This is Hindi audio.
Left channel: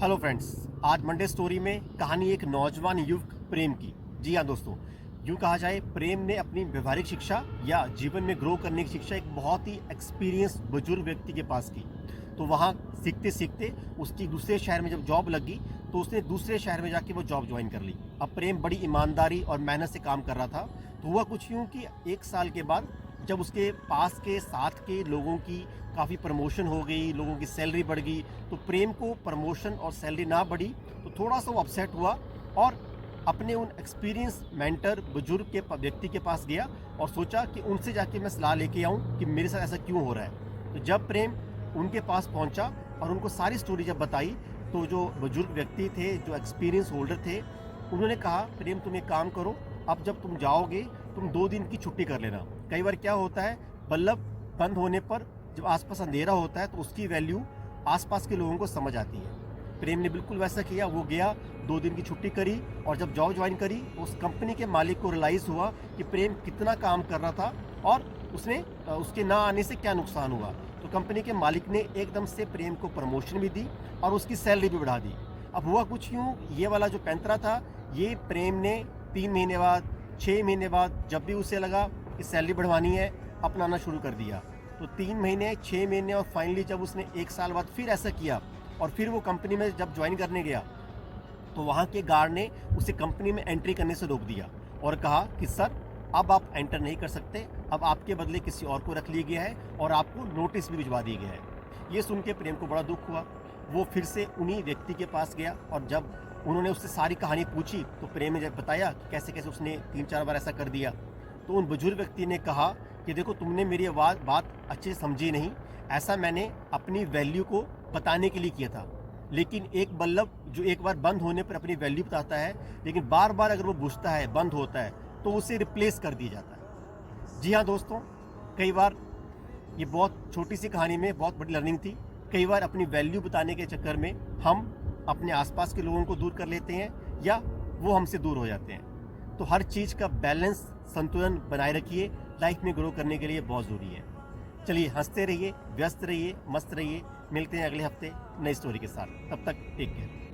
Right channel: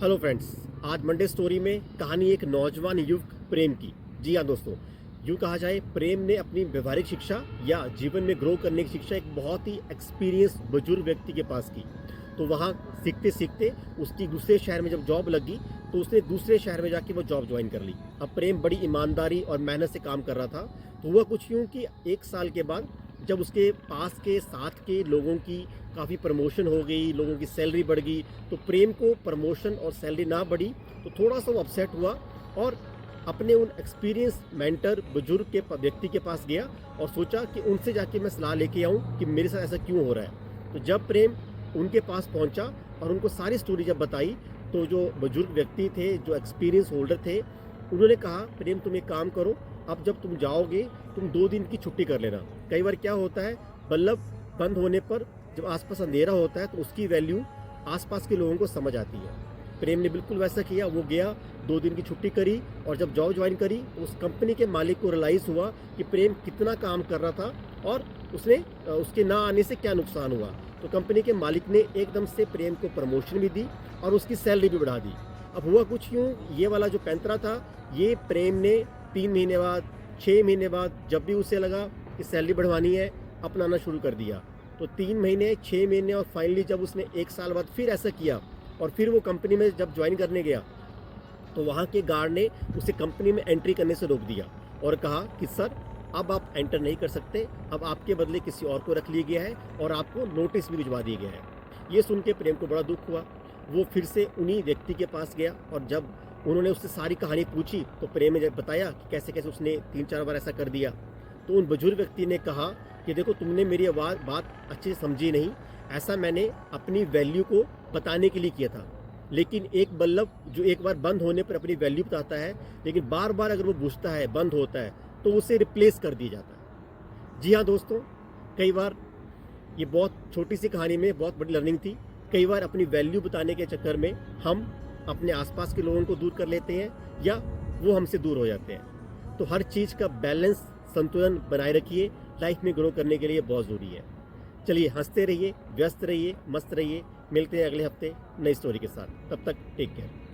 हेलो फ्रेंड्स, आज मंडे स्टोरी में कहानी एक नौजवान युवक प्रेम की। जी हाँ दोस्तों, यूँ कहा जाए प्रेम ने अपनी व्यवहारिक शिक्षा या जीवन में ग्रो करने की शिक्षा एक बहुत ही एक्सपीरियंस बुजुर्ग व्यक्ति के पास की। तो वहाँ सीखते सीखते उसकी दूसरे शहर में जब जॉब लगी तो उसने दूसरे शहर में जाके वो जॉब ज्वाइन कर ली। अब प्रेम बड़ी ईमानदारी और मेहनत से काम कर रहा था। तो हुआ कुछ यूँ कि 1 साल के बाद जब उसके पास के साथ के लोगों की काफ़ी प्रमोशन हो गई, लोगों की सैलरी बढ़ गई, तो प्रेम को प्रमोशन और सैलरी ना बढ़ी तो थोड़ा सा वो अपसेट हुआ और अपने उन एक्सपीरियंस मेंटर बुजुर्ग के व्यक्ति के पास गया और सोचा कि उनसे जाके मैं सलाह लेके आऊँ कि मेरे साथ ऐसा क्यों हो रहा है। तो जब प्रेम उनके पास पहुंचा और उनको सारी स्टोरी जब बताई तो जो बुजुर्ग व्यक्ति थे, जो एक्सपीरियंस होल्डर थे, उन्होंने कहा प्रेम तुम एक काम करो, अब जब तुम जाओगे तुम 2 दिन की छुट्टी कर लेना। कई बार क्या होता है, बल्ब बंद होने पर जब आसपास अंधेरा होता है तो उसकी वैल्यू आसपास के लोगों को समझ आती है। प्रेम ने बिल्कुल वैसा किया, वो गया 2 दिन की छुट्टी करी और जब जॉब ज्वाइन करी तो उस कंपनी के मालिक को रियलाइज़ हुआ कि प्रेम कितना काम कर रहा था और उसके ना आने से क्या नुकसान हुआ। तो कंपनी के मालिक ने एकदम से प्रेम को प्रमोशन भी दी और उसकी सैलरी भी बढ़ा दी। अब हुआ कुछ यूँ, ये वाला जो पैंतरा था ये प्रेम ने 3 महीने बाद, 6 महीने बाद जब भी उसे लगा कि सैलरी बढ़वानी है, अपनाना शुरू कर दिया। तो 3 महीने, 6 महीने और फाइनली जब उसने 1 साल बाद फिर ऐसा किया और फिर वो कंपनी में जब ज्वाइन करने गया तो वहाँ के गार्ड ने उसे कंपनी में एंट्री करने से रोक दिया और कहा कि सर अब आप एंटर नहीं कर सकते, अब आपके बदले किसी और को रख लिया गया है और आपको नोटिस भी भिजवा दिया गया है। ये सुन के प्रेम को बड़ा दुख हुआ। वो फिर से उन्हीं व्यक्ति के पास गया और जब उन्होंने उससे सारी कहानी पूछी तो प्रेम ने जब बताया कि कैसे कैसे उसने 3-4 बार ऐसा कर दिया, तो उन बुजुर्ग व्यक्ति ने कहा कि देखो तुमने मेरी बात अच्छे से समझी नहीं, ऐसा मैंने अपनी वैल्यू को बताने के लिए किया था। लेकिन एक बल्ब जो एक बार बंद होने पर अपनी वैल्यू बताता है, लेकिन बार बार अगर वो बुझता है, बंद होता है, तो उसे रिप्लेस कर दिया जाता है। जी हाँ दोस्तों, कई बार ये बहुत छोटी सी कहानी में बहुत बड़ी लर्निंग थी। कई बार अपनी वैल्यू बताने के चक्कर में हम अपने आसपास के लोगों को दूर कर लेते हैं या वो हमसे दूर हो जाते हैं। तो हर चीज़ का बैलेंस, संतुलन बनाए रखिए, लाइफ में ग्रो करने के लिए बहुत ज़रूरी है। चलिए हंसते रहिए, व्यस्त रहिए, मस्त रहिए। मिलते हैं अगले हफ्ते नई स्टोरी के साथ। तब तक टेक केयर।